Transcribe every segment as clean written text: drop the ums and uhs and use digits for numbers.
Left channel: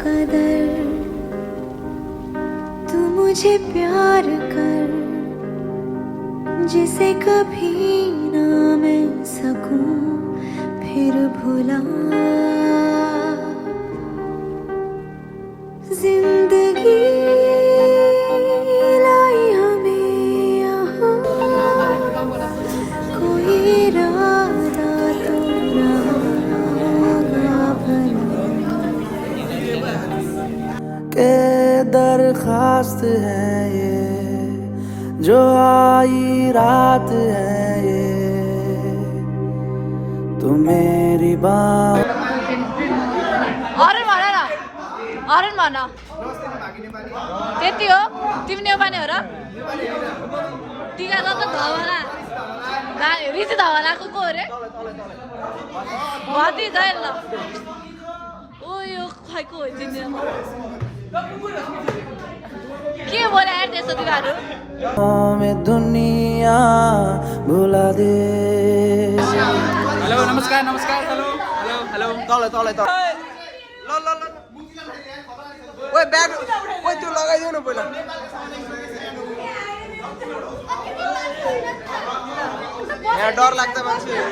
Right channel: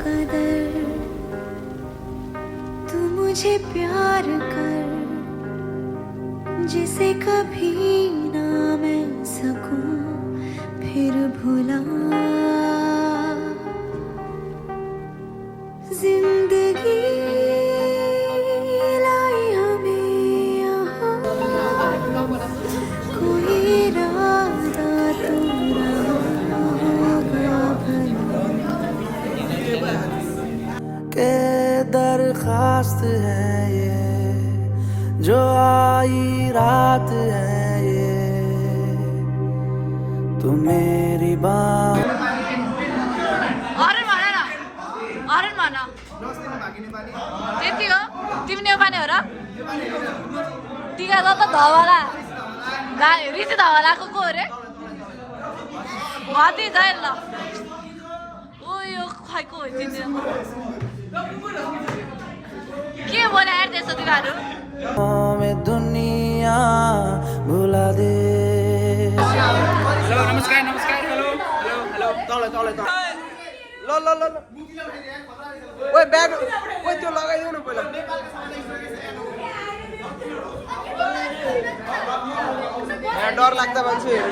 कदर तू मुझे प्यार कर जिसे कभी ना मैं सकूं फिर भुला जिंदगी लाई हमें यहाँ कोई इरादा तो रहा होगा भला के दरखास्त है ये जो आई रात है ये तू मेरी बात अरे भन न अरे भन त्यति हो तिमी नेपाली हो र टिका त धवला रिस धवलाको को अरे भति जाइल न ओ यो खैको हो तिमी के बोले यार त्यसो तिमीहरू में दुनिया भुला दे हेलो नमस्कार नमस्कार हेलो हेलो हेलो तल तल तल ल ल ल ओए ब्याग ओए त्यो लगाइदियो न पहिला यहाँ डर लाग्दा मान्छेहरू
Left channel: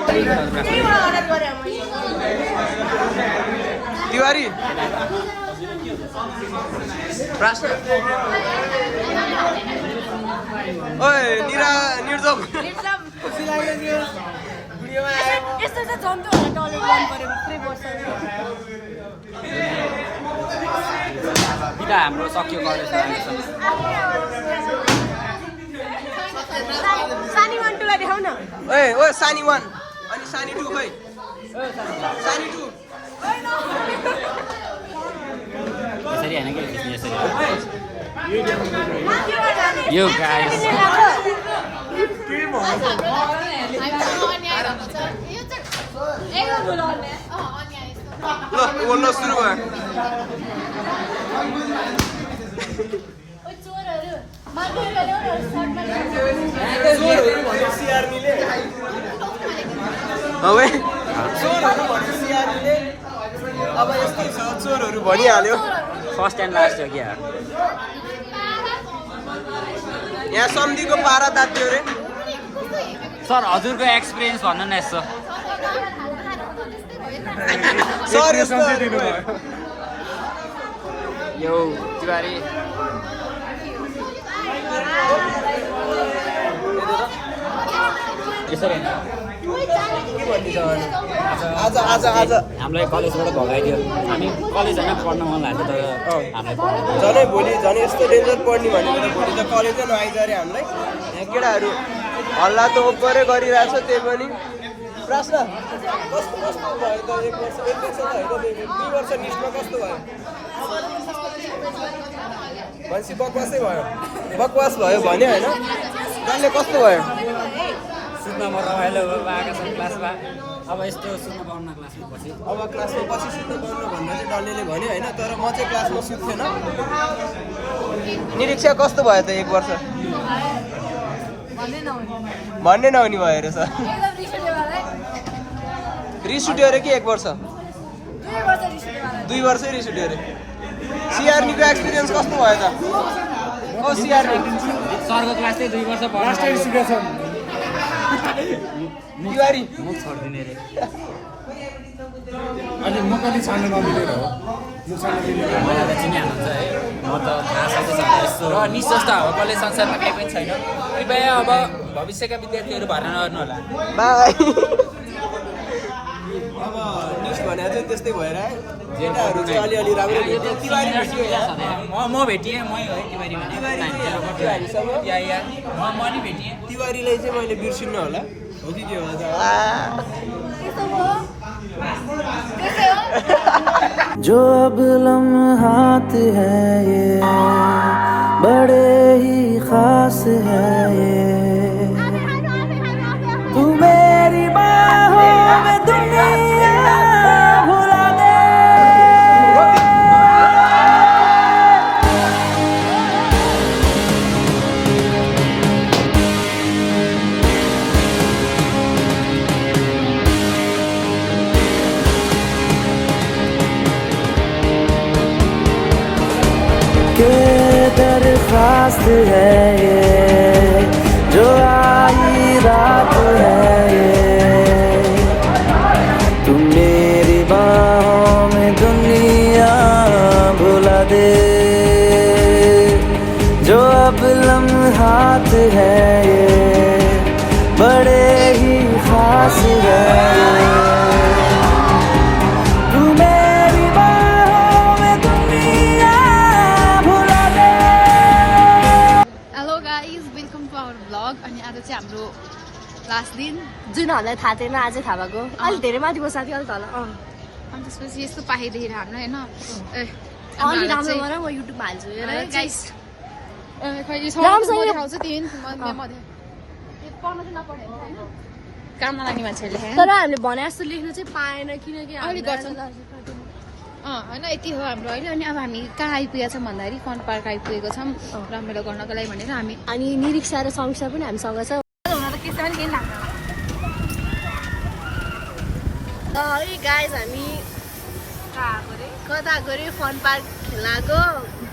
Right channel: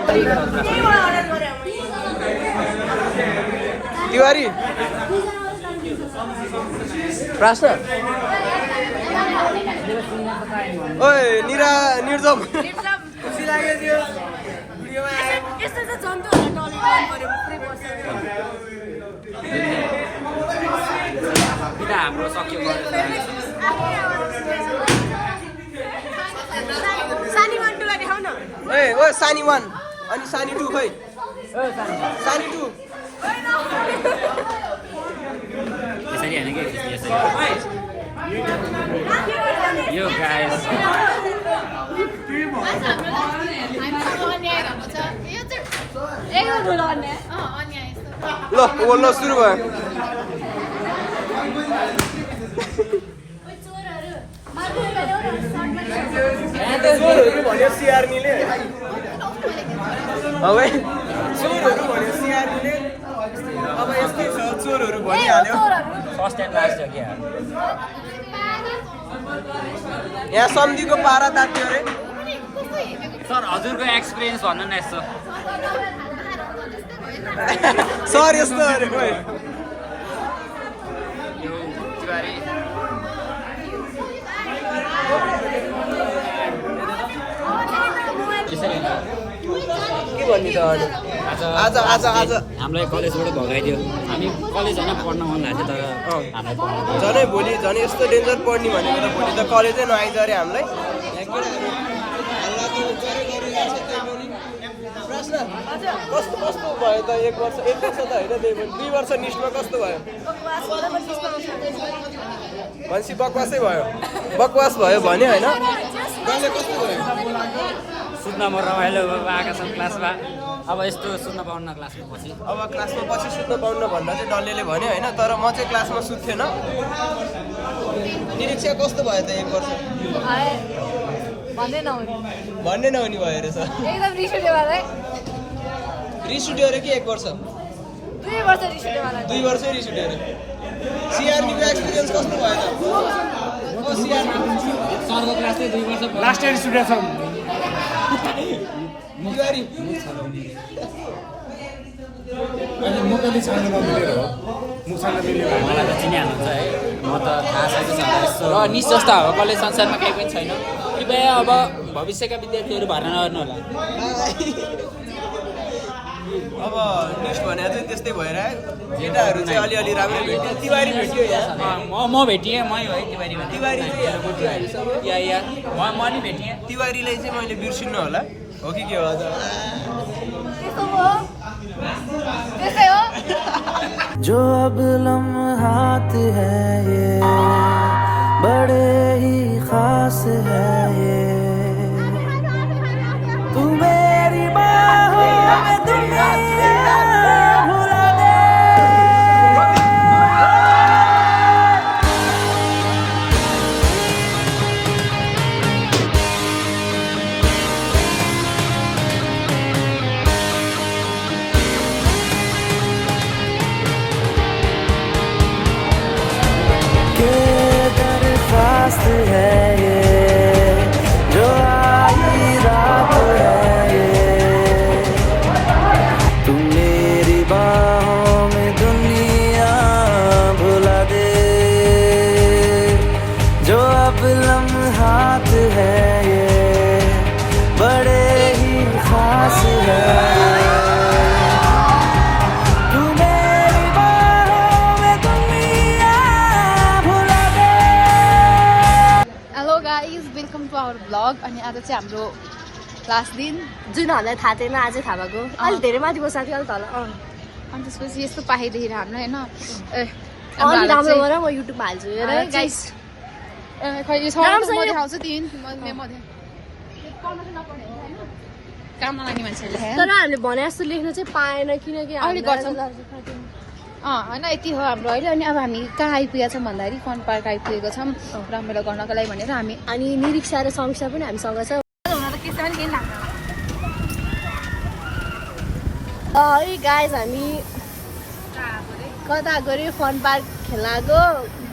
तिवारी प्रास ओए निरा निर्जम खुसी लाग्यो त्यो भिडियोमा आयो यस्तो चाहिँ जन्तुहरूलाई टलेट गर्नु पर्यो हाम्रो सक्यो सानी वानटुलाई देखाउ न ए ओ सानी 1 अनि सानी 2 खै सानी 2 यसरी हैन के यसरी यो गाइस ल ल सुरु भयो चोरहरू भन्यो सिआरनीले अब चोरहरू भन्यो सिआरनीले अब यस्तै छ चोरहरू भनिहाल्यो फर्स्ट एन्ड लास्ट हो के यहाँ सम्धिको पारा तात्यो अरे सर हजुरको एक्सपिरियन्स भन्नु न यसो यो तिवारी यसरी आज आज आज हामीलाई कलेजबाट भगाइदियो हामी कलेजमा पढ्न मन लाग्यो त हामीलाई झनै भोलि झन् यस्तो डेन्जर पढ्ने भनेर भोलि त कलेजै नआइज अरे हामीलाई यहाँ केटाहरू हल्ला त ओपरै गरिरहेछ त्यही पनि प्रश्न कस्तो कस्तो भयो त 1 वर्ष 1 वर्ष त होइन 2 वर्ष निस्मा कस्तो भयो भनेपछि बकवासै भयो बकवास भयो भने होइन डल्ले कस्तो भयो सुत्न म रमाइलो आएको छ क्लासमा अब यस्तो सुत्न पाउन्न क्लासमा पछि अब क्लासमा पछि सुत्न पाउन भन्दा चाहिँ डल्लेले भन्यो होइन तर म चाहिँ क्लासमा सुत्थेन निरीक्षा कस्तो भयो त 1 वर्ष भन्दै नहुने भन्ने नहुने भयो रहेछ एकदम रिस उठ्यो मलाई रिस उठ्यो अरे कि 1 वर्ष 2 वर्ष रिस उठ्यो मलाई 2 वर्षै रिस उठ्यो अरे सिआरनीको एक्सपिरियन्स कस्तो भयो त ओ सिआरनी सरको क्लास चाहिँ 2 वर्ष लास्ट इयर स्टुडेन्ट छ तिवारी मुख छोड्दिने अहिले म कति छाड्न नमिलेर हो मुख छाड्न मिलेर मलाई त चिनिहाल्नुहुन्छ है म त थाहा छैन यस्तो र निस जस्तो हावा कलेज संसारमा केही पनि छैन कृपया अब भविष्यका विद्यार्थीहरू भर्ना नगर्नु होला बाई अब निस भने चाहिँ त्यस्तै भएर जेटाहरू चाहिँ अलिअलि राम्रो भेट्यो तिवारी भेट्यो यहाँ म भेटिएँ मै हो है तिवारी तिवारी चाहिँ यहाँ तिवारीसँग या म नि भेटिएँ तिवारीलाई चाहिँ मैले बिर्सिन्न होला हो कि के हो त जो अब लम्हात है ये बड़े ही खास है ये तू मेरी बाहों में दुनिया भुला दे रास्त है ये, जो आई रात है ये। तुम मेरी बाहों में दुनिया भुला दे, जो अब लम्हात है ये बड़े ही खास है ये। तू मेरी बाहों में दुनिया भुला दे। Hello guys, welcome to our blog. अनि आज चाहिँ हाम्रो लास्ट दिन, जुन हामीलाई थाहा थिएन आज थाहा भएको। अलिक धेरै माथि बस्छ थियो अलिक तल। अनि त्यसपछि यस्तो पाइदिएर हामीलाई होइन अलि राम्रो गर, म युट्युबमा हाल्छु हेर है गाइस। खै यो छ म देखाउँछु तिमी काममा लाग्ने मान्छेले तर हामीले भने जस्तो लेख्न चाहिँ पाएन किनकि होइन यति हो हाम्रो अहिले। अनि अब हामी कहाँ आइपुगेका छौँ भन्दाखेरि फन पार्क आइपुगेको छौँ रमाइलो गर्नको लागि भनेर हामी। अनि निरीक्षा र समीक्षा पनि हामीसँग छ। है गाइस, हामी कता गऱ्यो फन पार्क खेल्न गएको।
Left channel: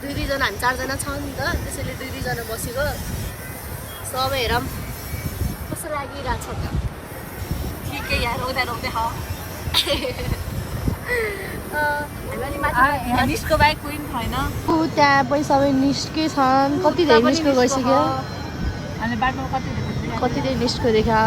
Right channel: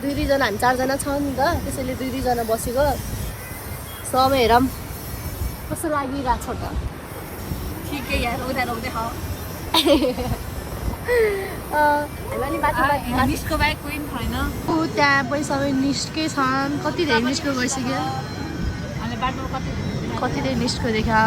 दुईजना हामी 4 जना छौँ नि त, त्यसैले 2 जना बसेको। सबै हेरौँ कस्तो लागिरहेको छ त। ठिकै यार, उता रोक्दै हो निस्को बाहेक कोही पनि छैन। त्यहाँ पनि सबै निस्के छन्। कति धेरै निस्को गइसक्यो, कति धेरै निस्को देखा।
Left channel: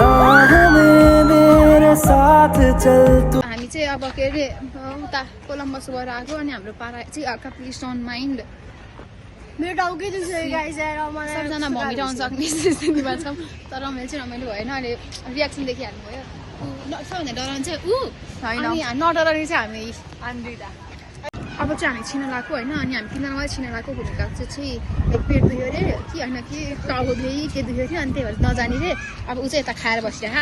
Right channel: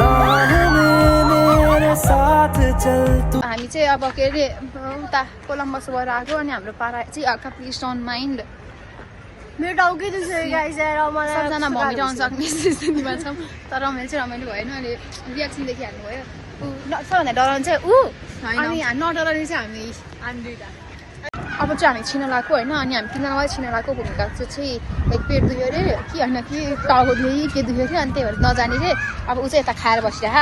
राह में मेरे साथ चल तू। हामी चाहिँ अब के अरे उता कोलम्बसबाट आएको। अनि हाम्रो पारा चाहिँ हल्का प्लिज डोन्ट माइन्ड। मेरो टाउकै दुख्छ गाइस यार। मलाई सबजना भमिट आउन सक्ने स्थितिमा छौँ, तर रमाइलो चाहिँ रमाइलो भएन। अनि रियाक्सन देखिहाल्नु भयो। सबभन्दा डराउनु चाहिँ अनि नडराउने चाहिँ हामी दुइटा। अब चाहिँ हामी छिन लगाएको होइन। अनि हामी 3 जनालाई छिन लगाएको भनेको त्यो चाहिँ पेट दुख्यो अरे कि होइन कि टाउको दुख्यो कि के दुख्यो अरे। अनि त्यही भएर नजाने रे। अब ऊ चाहिँ यता खाएर बसिरह।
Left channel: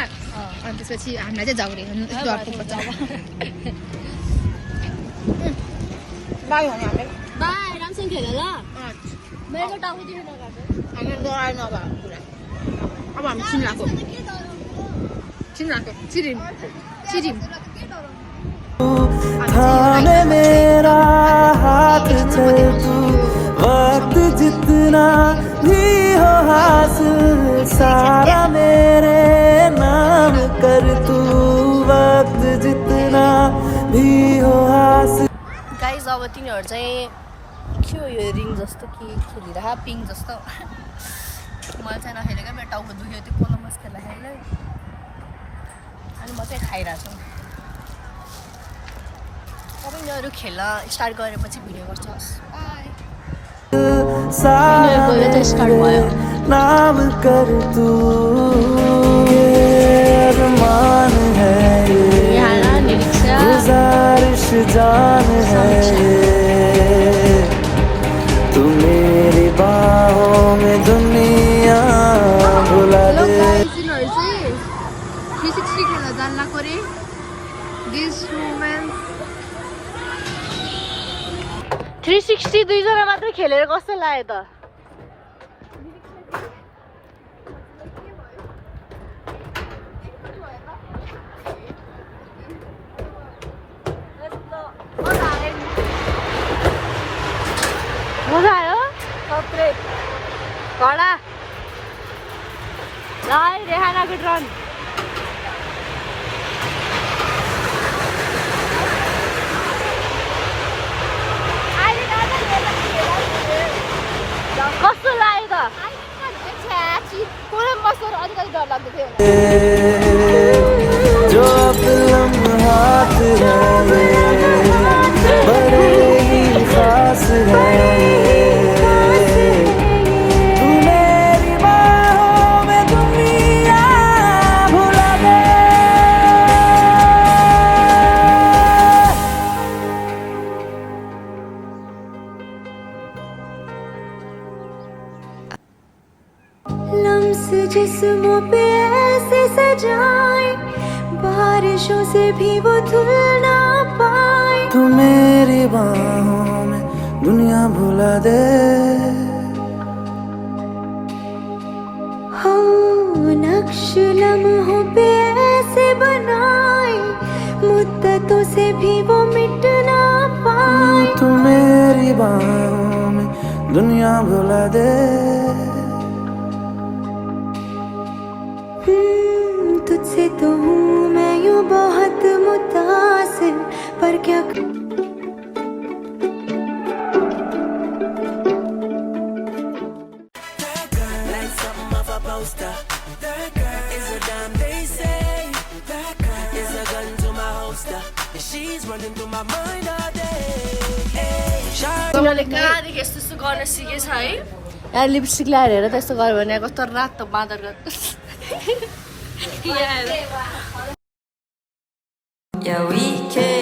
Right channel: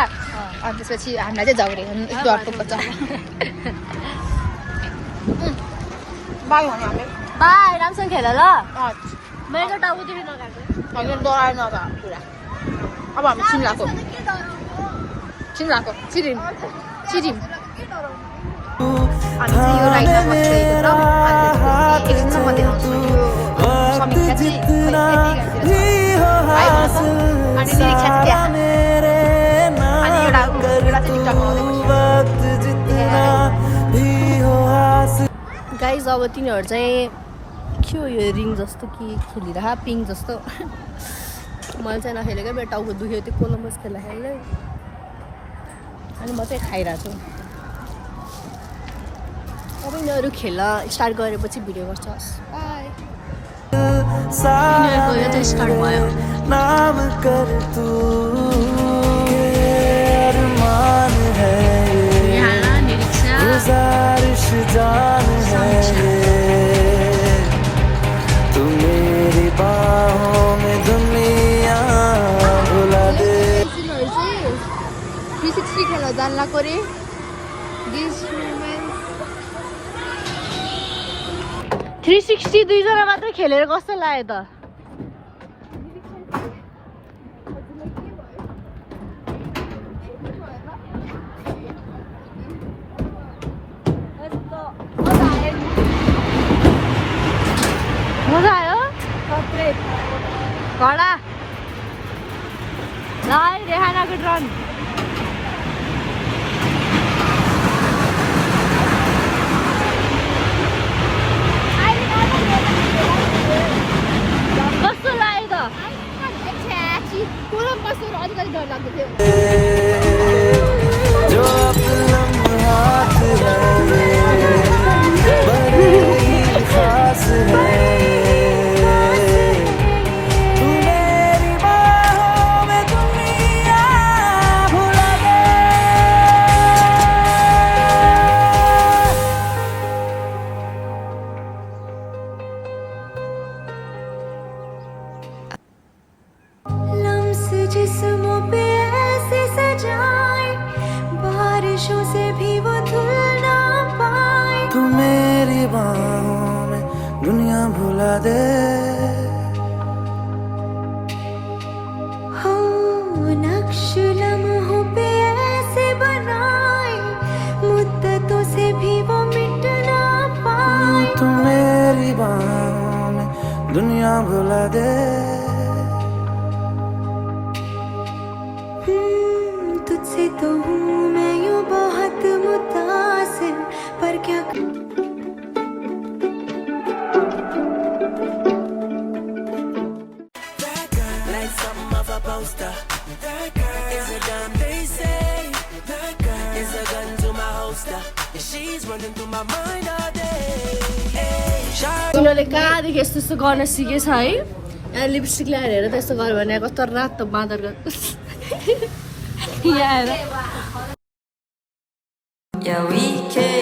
अनि त्यसपछि हामीलाई चाहिँ झगडे डरको पर्छ। बाई भन्नु हाम्रो बाई, राम्रोसँग खेल ल। मेरो टाउकोतिर नगएको। डराएन अब पुरा। अब हामी छिन लगाएको छिरिन थामे मेरा हाथ चल तू, वक्त जितना भी हो हासिल सारा मेरे नाम कर तू, वक्त जितना भी हो हासिल। गाइस अब तिनीहरू चाहिँ के हो यो रिङ जस्तो कि खेलिरह पिङ जस्तो। मैले चाहिँ नखेलेको, मेरो टाउको दुख्यो त्यो कोलम्बस खेल्दा खेल्दै। अनि म चाहिँ खाइरहेको छु। अब यिनीहरू खेल्न स्टार्ट गरेपछि भिडियो गर्छ। सारा मेरे नाम कर तू, ये अरमान है ये, गुजारिश जान है ये। तू मेरी बाहों में दुनिया भुला दे। 360 खेल्न जान्ला कोरी दिस मोमेन्ट 360 2 जना मात्रै खेलेर कस्तो लाग्यो त। मजा आयो घोडा रेहानाको ड्रोन। बारिशों से भी वो धुल ना पाए। तू मेरी बाहों में दुनिया भुला दे। हो नक्श लम्हों पे ऐसे बनाए, मुद्दतों से भी वो मिट ना पाए। तू मेरी बाहों में दुनिया भुला दे। तुझसे तो हूँ मैं यूँ बहुत मुतासिर, पर क्या Like something off a poster. Is a damn they say. Is a gun to my holster. And she's running through my mind all day. तिनीहरूले कहाँदेखि यस्तो यस्तो गर्न सिकेछ है। यहाँ लिपस्टिक ल्याएर हेर त्यस्तो गर्यो भने कस्तो रातो बाँदर गर्छ। Yeah, we can